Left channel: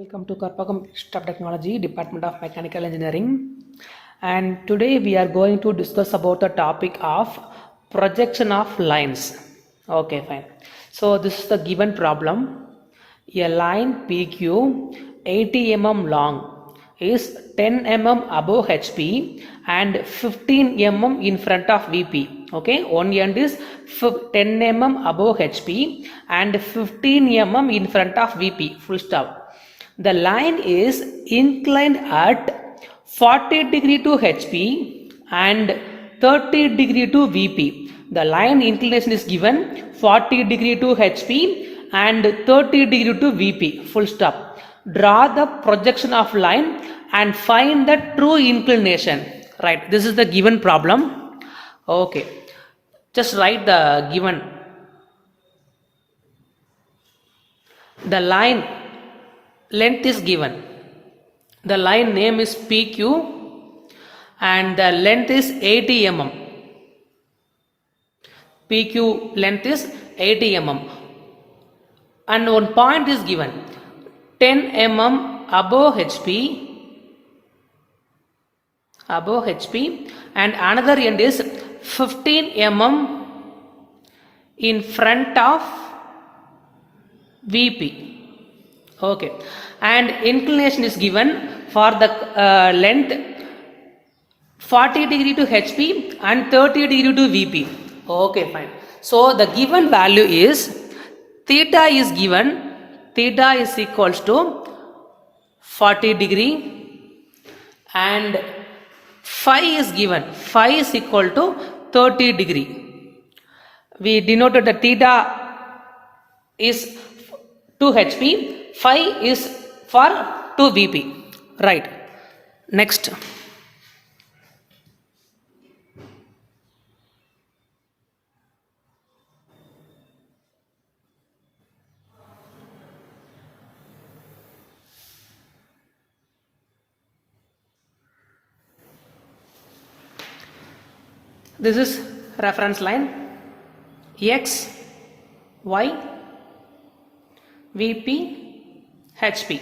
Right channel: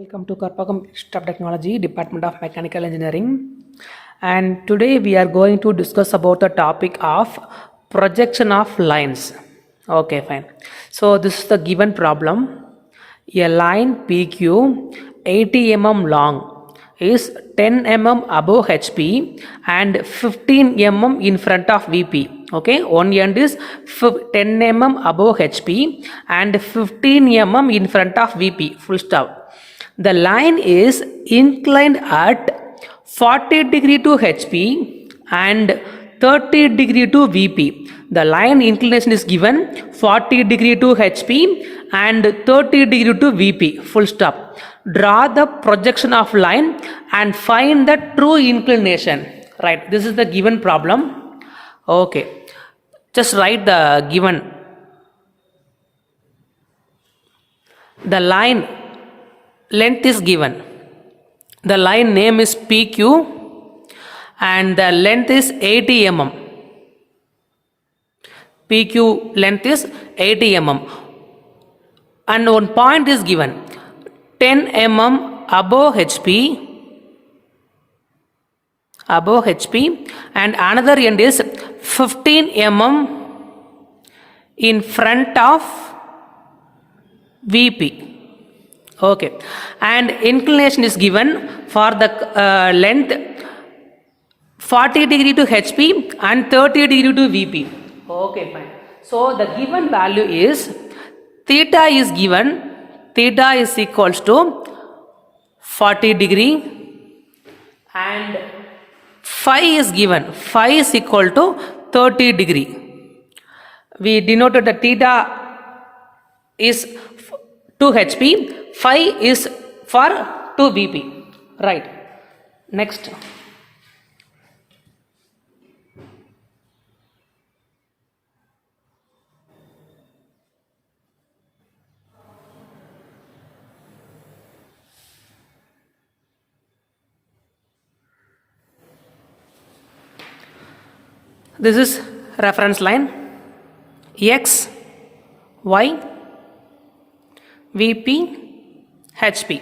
Welcome to Karpagam Institute of Technology, Department of Mechanical Engineering. And today we are going to discuss about the topic of projection of lines. Okay, fine. So this is the given problem. A line PQ 80 mm long is 10 mm above HP and 15 mm in front of VP. Okay, one end is 10 mm above HP and 15 mm in front of VP. Full stop. The line is inclined at 40 degree to HP and 30 degree to VP. The line inclination is given 40 degree to HP and 30 degree to VP. Full stop. Draw the projection of line and find the true inclination. Right. This is the given problem. Okay. Just write the given. The line length is given. The line name is PQ and the length is 80 mm. PQ length is 80 mm. And one point is given 10 mm above HP and another end is 15 mm in front of VP. Okay, and inclination is given for the length 40 degree to HP and 30 degree to VP. Okay, fine. So the given value is theta is given. Theta is equals to 40 degree and phi is given. Phi is equal to 30 degree. We denoted the theta is 2 HP. Phi is for 2 VP. Right. Next. This is reference line X, Y, VP, HP.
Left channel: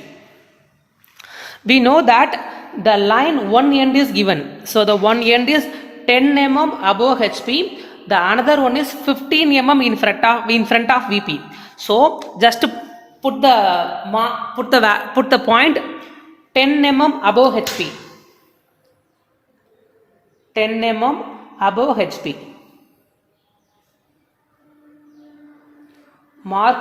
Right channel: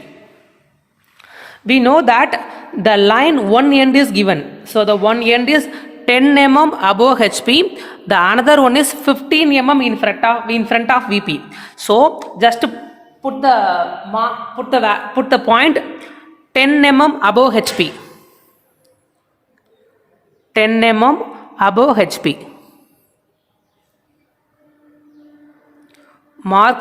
We know that the line one end is given. So the one end is 10 mm above HP. The another one is 15 mm in front of VP. So just put the point 10 mm above HP. 10 mm above HP. Mark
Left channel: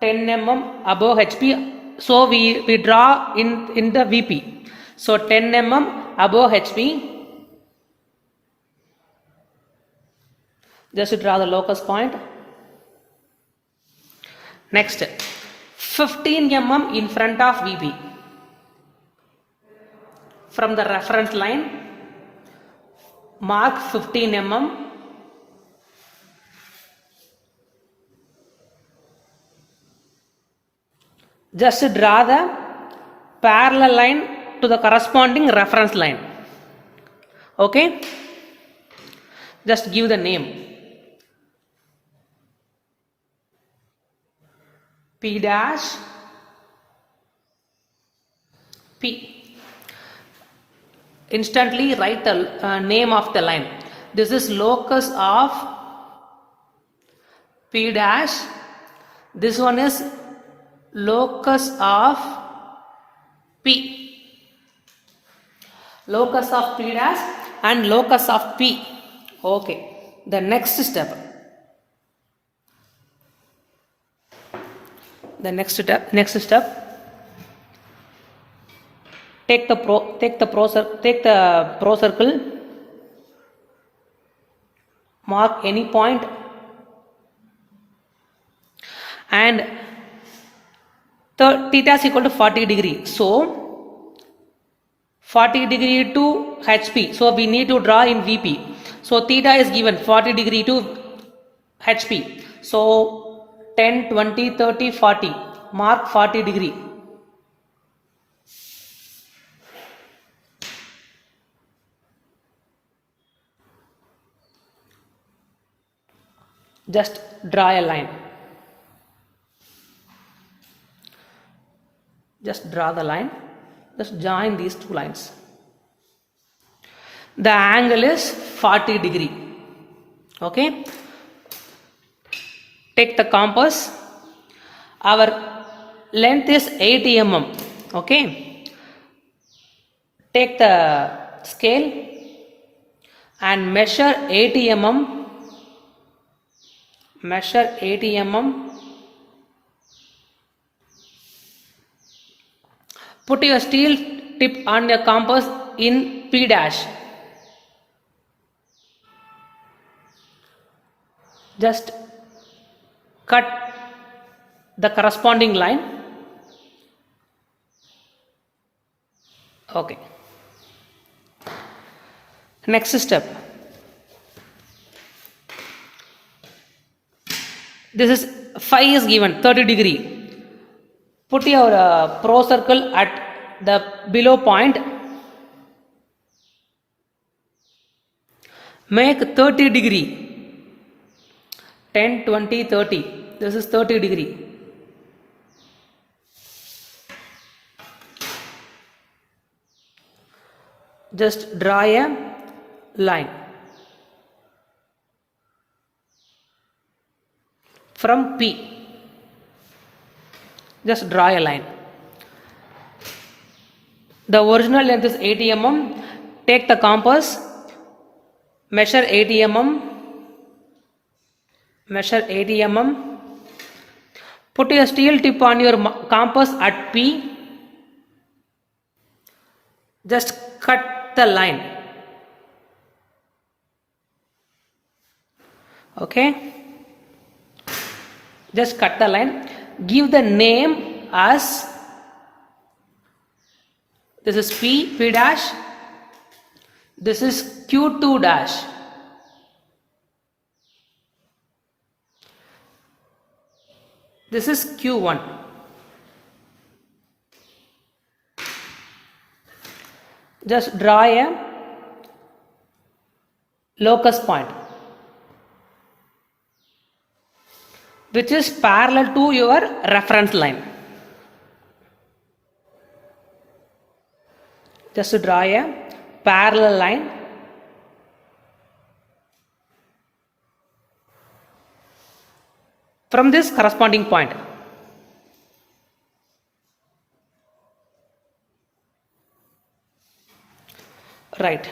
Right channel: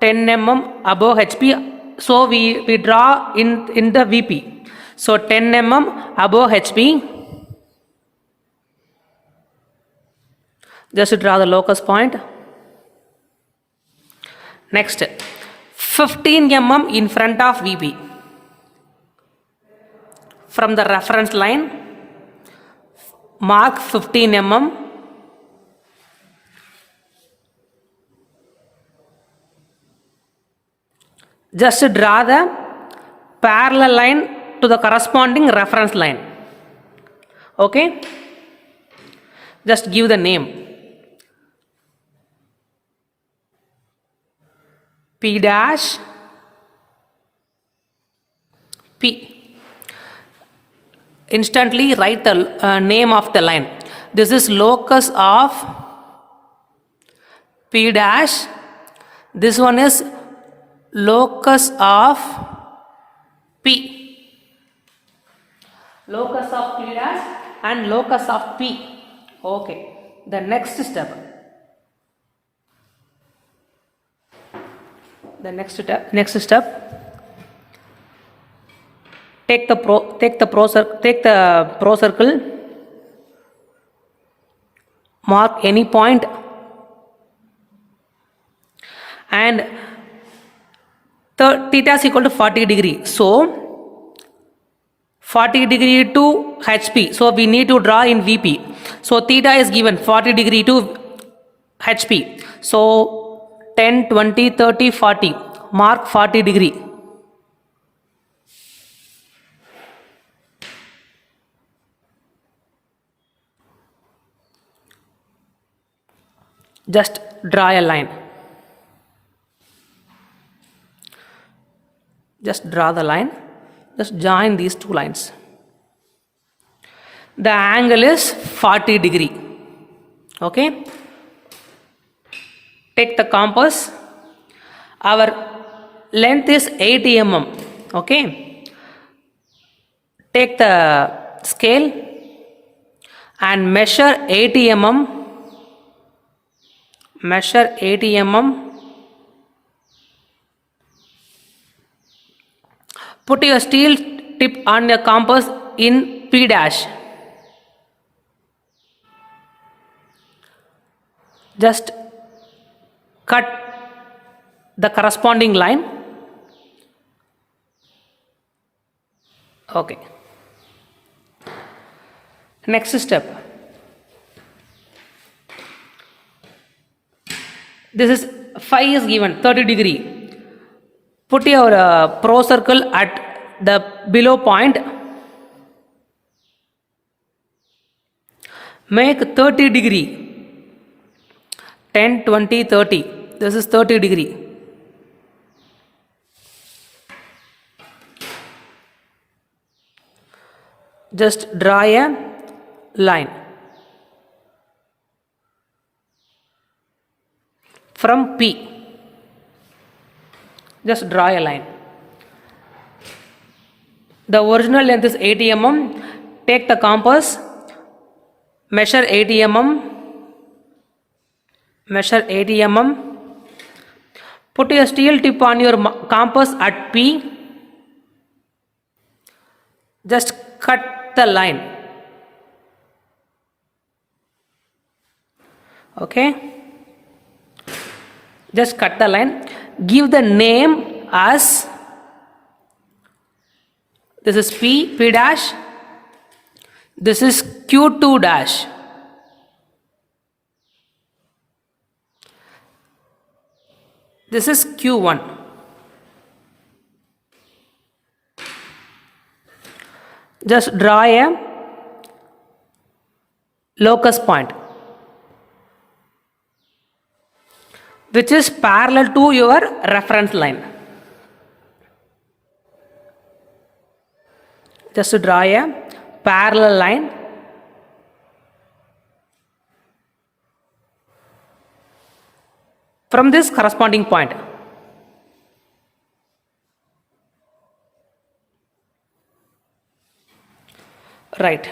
10 mm above HP. So we draw in the VP. So 10 mm above HP. Just draw the locus point. Next, 15 mm in front of VP. From the reference line, mark 15 mm. Just draw the parallel line to the corresponding reference line. Okay? Just give the name. P dash P. Instantly write the name of the line. This is locus of P dash. This one is locus of P. Locus of P dash and locus of P. Okay. The next step. Take the pro circle. Mark any point and theta is equal to 40 degree. So 40 degree to HP. So we need to draw in VP. So theta is given 40 degree to HP. So 10, 20, 30, 40. Mark 40 degree. Just draw a line. Just draw the line. Just join these two lines. The angle is 40 degree. Okay. Take the compass. Our length is 80 mm. Okay. Take the scale and measure 80 mm. Measure 80 mm. Put your steel tip on your compass in P dash. Just cut the corresponding line. Okay. Next step. This is phi is given 30 degree. Put your pro circle at the below point. Make 30 degree. 10, 20, 30. This is 30 degree. Just draw a line from P. Just draw a line. The original length is 80 mm. Take the compass. Measure 80 mm. Measure 80 mm. Put your steel tip on your compass at P. Just cut the line. Okay. Just cut the line. Give the name as, this is P dash. This is Q2 dash. This is Q1. Just draw a locus point which is parallel to your reference line. Just draw a parallel line. From this corresponding point. Right.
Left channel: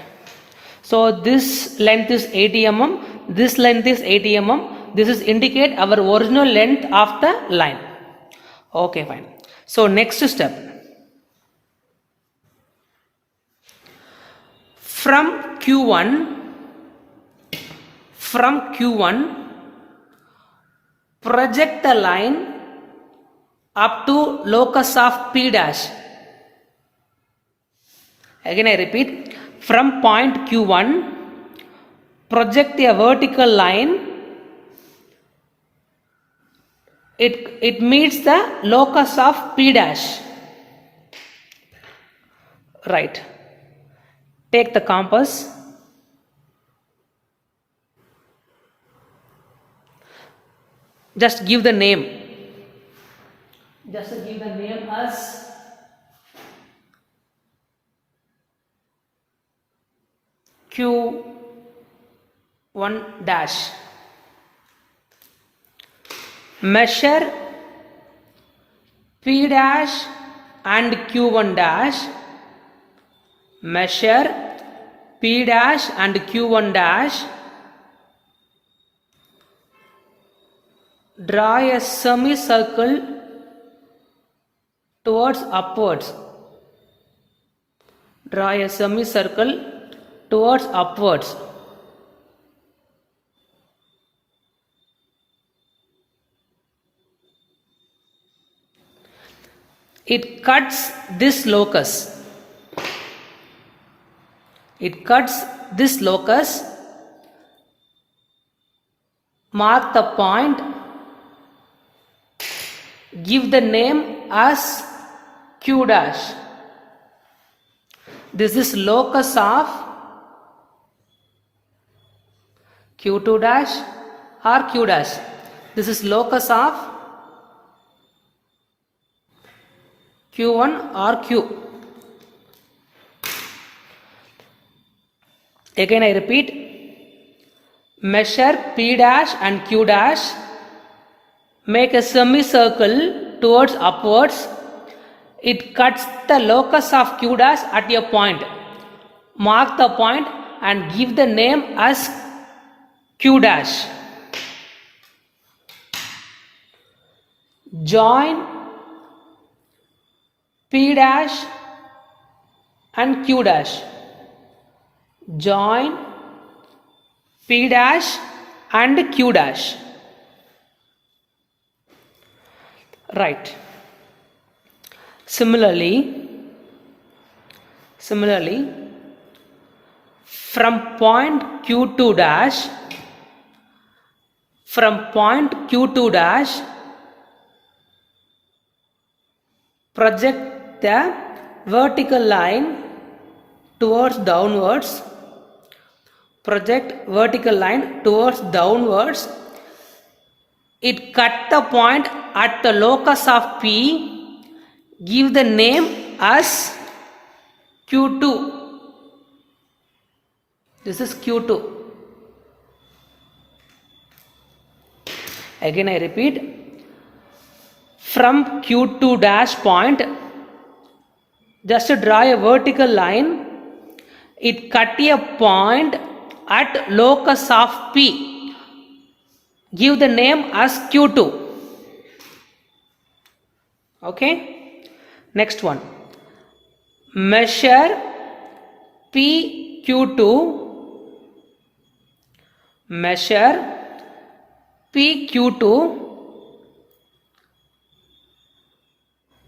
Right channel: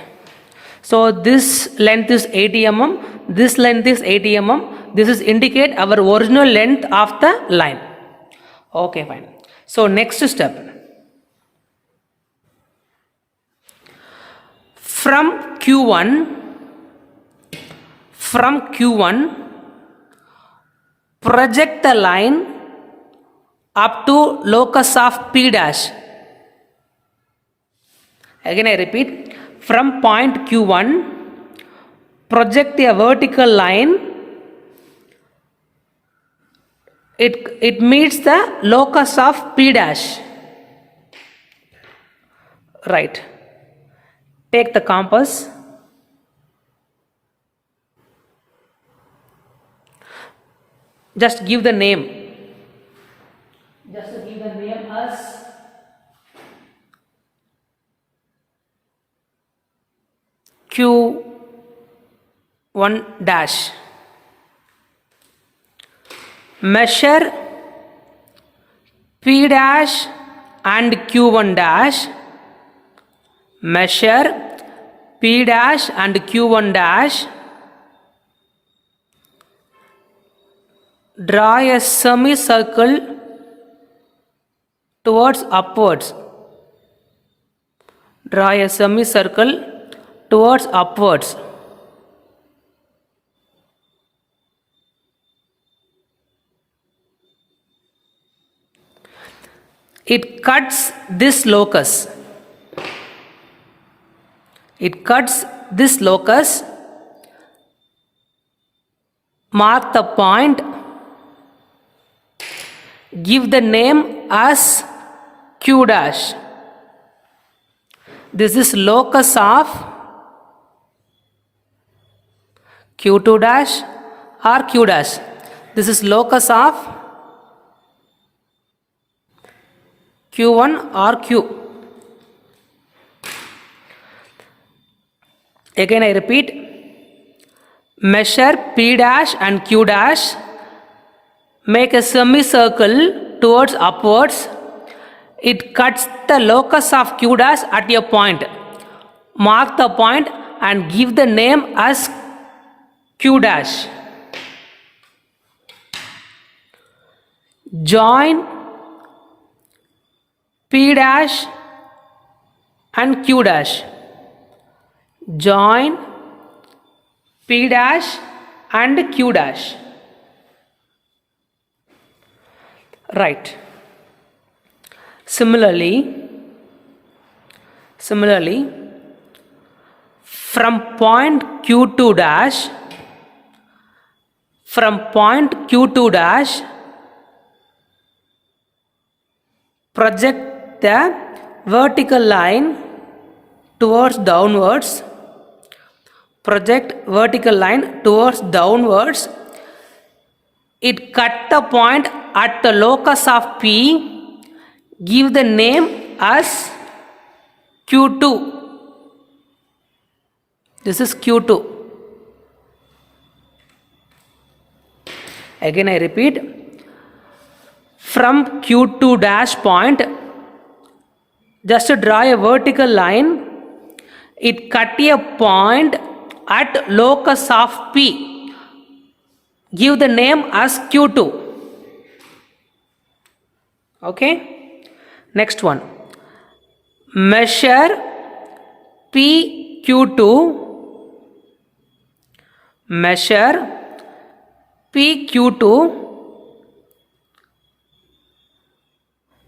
So this length is 80 mm. This length is 80 mm. This is indicate our original length of the line. Okay, fine. So next step. From Q1, project the line up to locus of P dash. Again I repeat, from point Q1, project a vertical line. It meets the locus of P dash. Right. Take the compass. Just give the name. Just give the name as Q1 dash. Measure P dash and Q1 dash. Measure P dash and Q1 dash. Draw a semicircle towards upwards. Draw a semicircle towards upwards. It cuts this locus. It cuts this locus. Mark the point. Give the name as Q dash. This is locus of Q2 dash or Q dash. This is locus of Q1 or Q. Again I repeat, measure P dash and Q dash, make a semicircle towards upwards. It cuts the locus of Q dash at a point. Mark the point and give the name as Q dash. Join P dash and Q dash. Join P dash and Q dash. Right. Similarly, from point Q2 dash, project the vertical line towards downwards. It cut the point at the locus of P. Give the name as Q2. This is Q2. Again I repeat, from Q2 dash point, just draw a vertical line. It cut a point at locus of P. Give the name as Q2. Okay. Next one. Measure PQ2. Measure PQ2.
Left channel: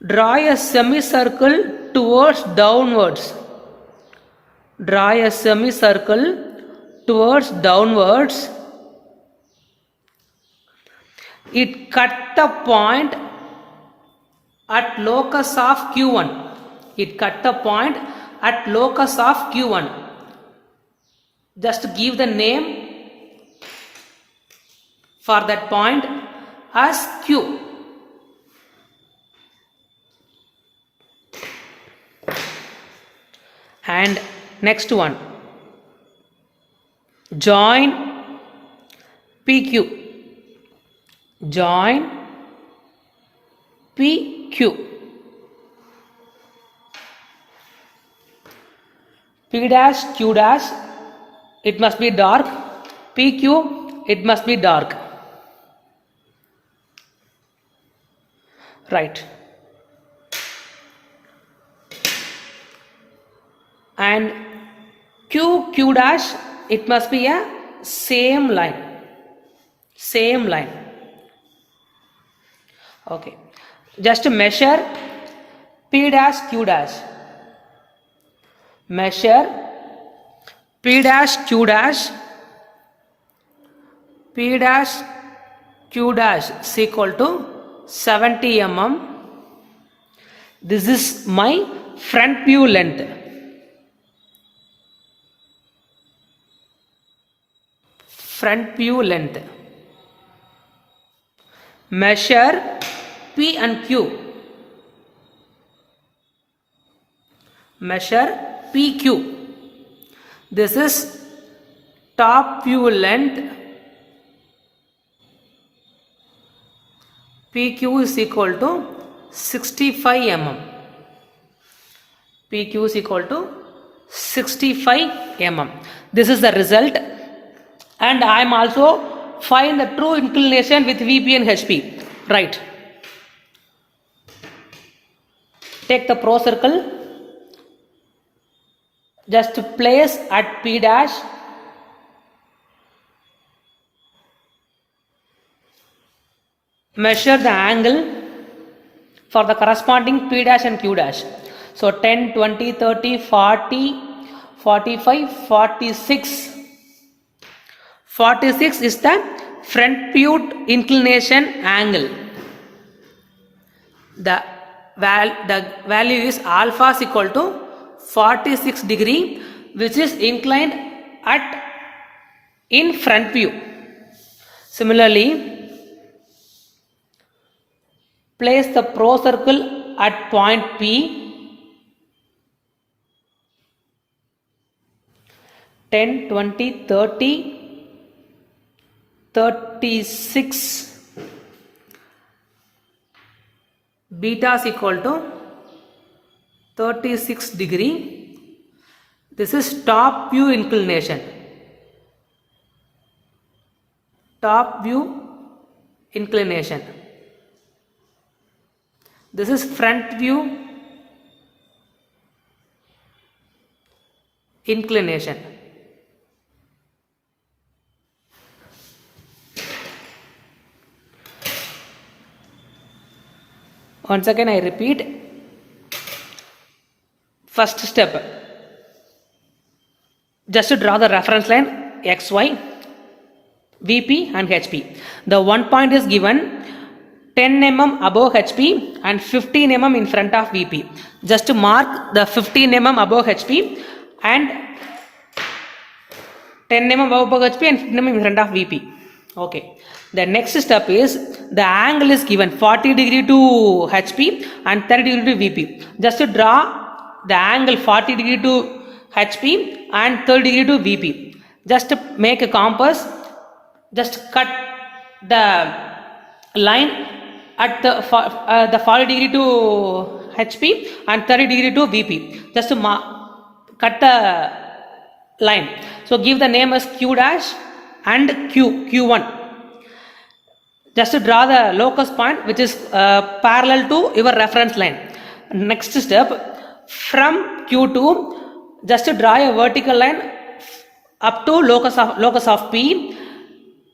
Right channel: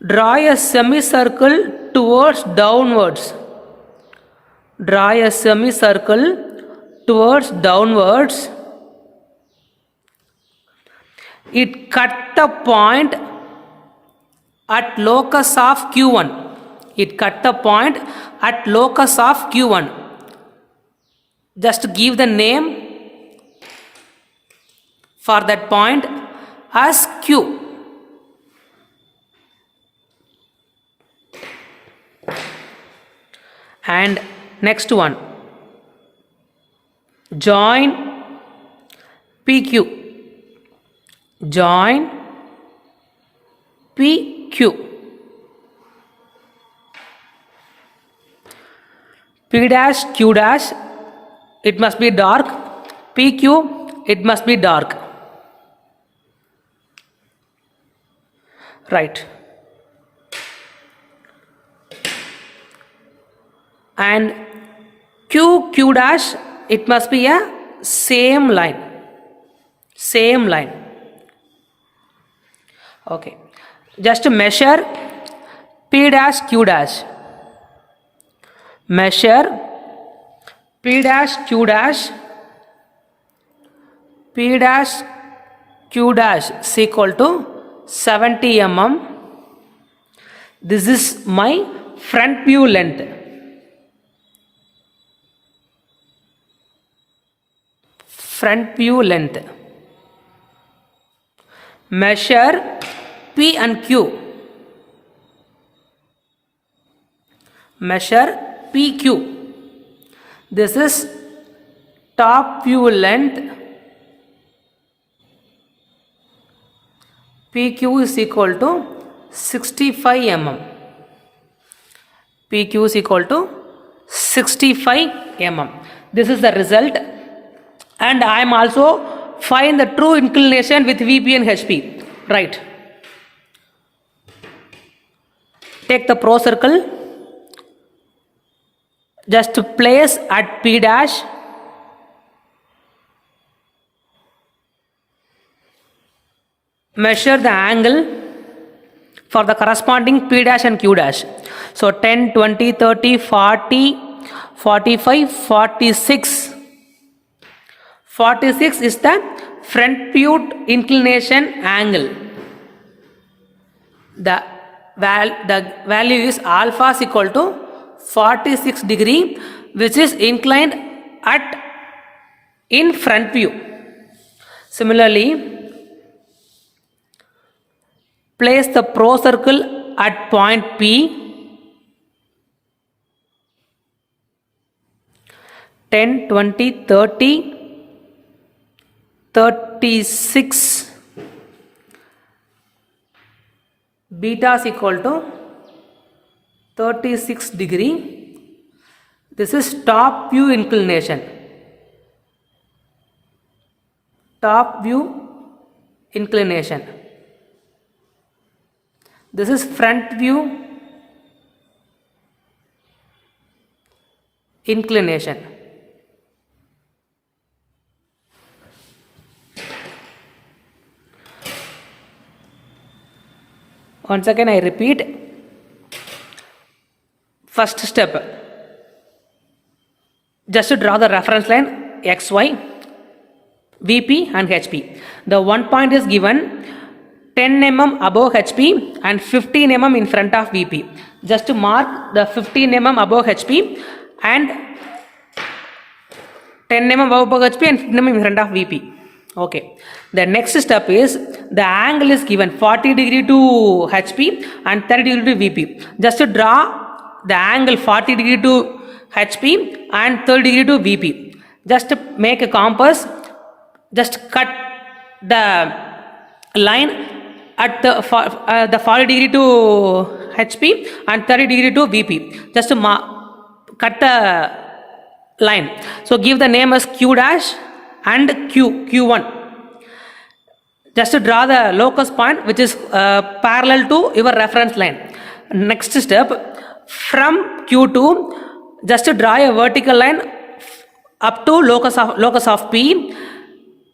Draw a semicircle towards downwards. It cut the point at locus of Q1. Just give the name for that point as Q. And next one, join PQ. P dash Q dash, it must be dark. PQ, it must be dark. Right. And Q dash, it must be a same line. Okay. Just measure P dash Q dash. Measure P dash Q dash. P dash Q dash is equal to 70 mm. This is my front view length. Measure P and Q. Measure PQ. This is top view length. PQ is equal to 65 mm. PQ is equal to 65 mm. This is the result. And I am also find the true inclination with VP and HP. Right. Take the pro circle. Just place at P dash. Measure the angle for the corresponding P dash and Q dash. So 10, 20, 30, 40, 45, 46. 46 is the front view inclination angle. The value is alpha is equal to 46 degree, which is inclined in front view. Similarly, place the pro circle at point P, 10, 20, 30, 36, beta is equal to 36 degree. This is top view inclination. Top view inclination. This is front view inclination. Once again I repeat. First step, just to draw the reference line XY, VP and HP. The one point is given 10 mm above HP and 15 mm in front of VP. Just to mark the 15 mm above HP and 10 mm above HP and 15 mm in front of VP. Okay. The next step is the angle is given 40 degree to HP and 30 degree to VP. Just to draw the angle 40 degree to HP and 30 degree to VP. Just to make a compass, just cut the line at the 40 degree to HP and 30 degree to VP. Just to cut the line. So give the name as Q dash and Q1. Just to draw the locus point which is parallel to your reference line. Next step, from Q2, just to draw a vertical line up to locus of P.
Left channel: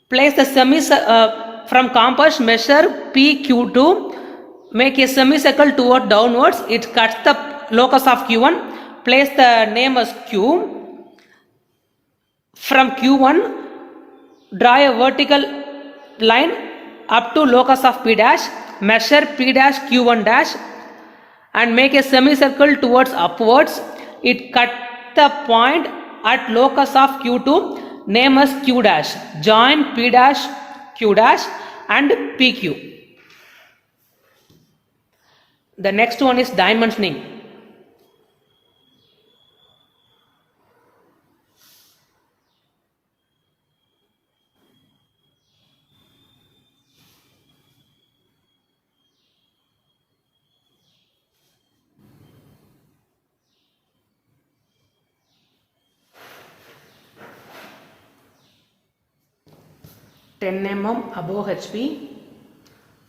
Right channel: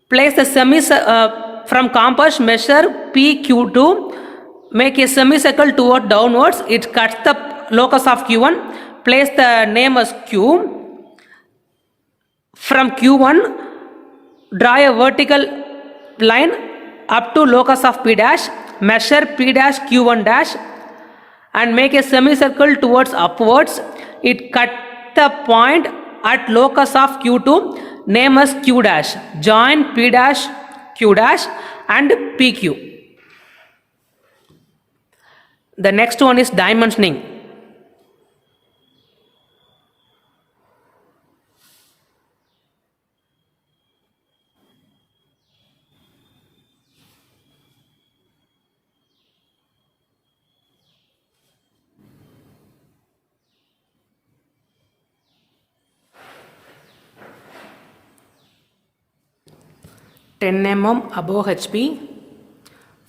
Place the from compass, measure PQ2, make a semicircle toward downwards. It cuts the locus of Q1. Place the name as Q. From Q1, draw a vertical line up to locus of P dash, measure P dash Q1 dash and make a semicircle towards upwards. It cut the point at locus of Q2, name as Q dash. Join P dash, Q dash and PQ. The next one is dimensioning. (10 mm above HP,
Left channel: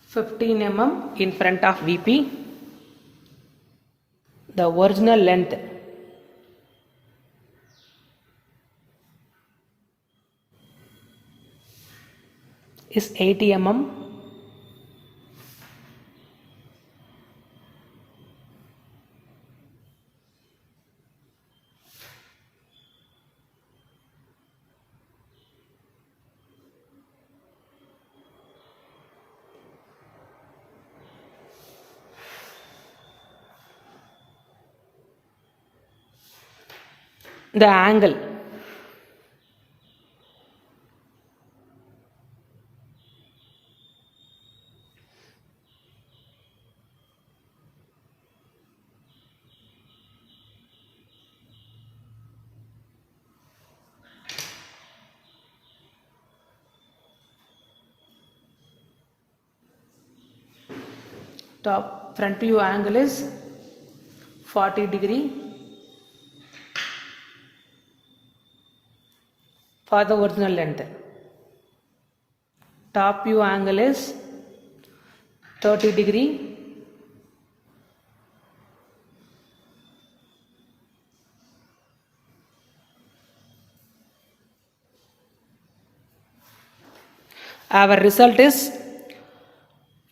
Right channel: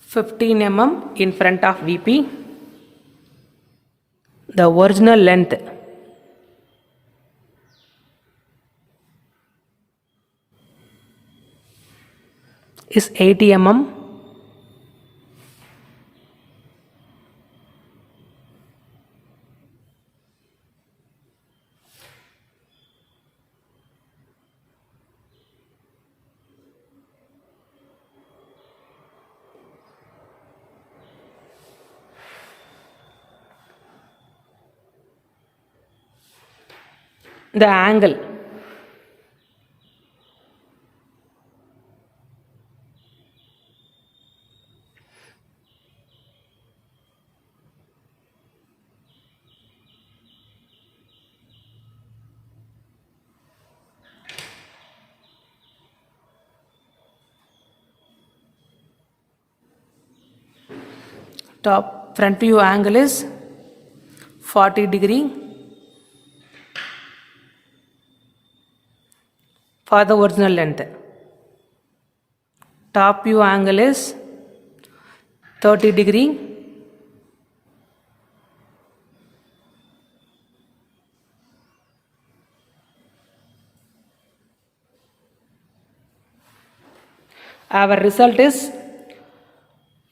15 mm in front of VP. The original length is 80 mm. The angle top front view angle is 40 degree for the original length. Top view angle is 30 degree our result is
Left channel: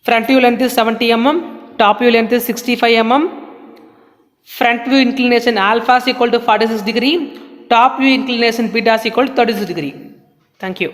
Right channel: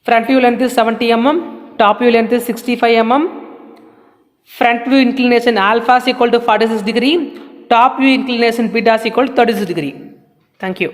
front view length is 70 mm, top view length is 65 mm, front view inclination alpha is equal to 46 degree, top view inclination beta is equal to 36 degree. Thank you.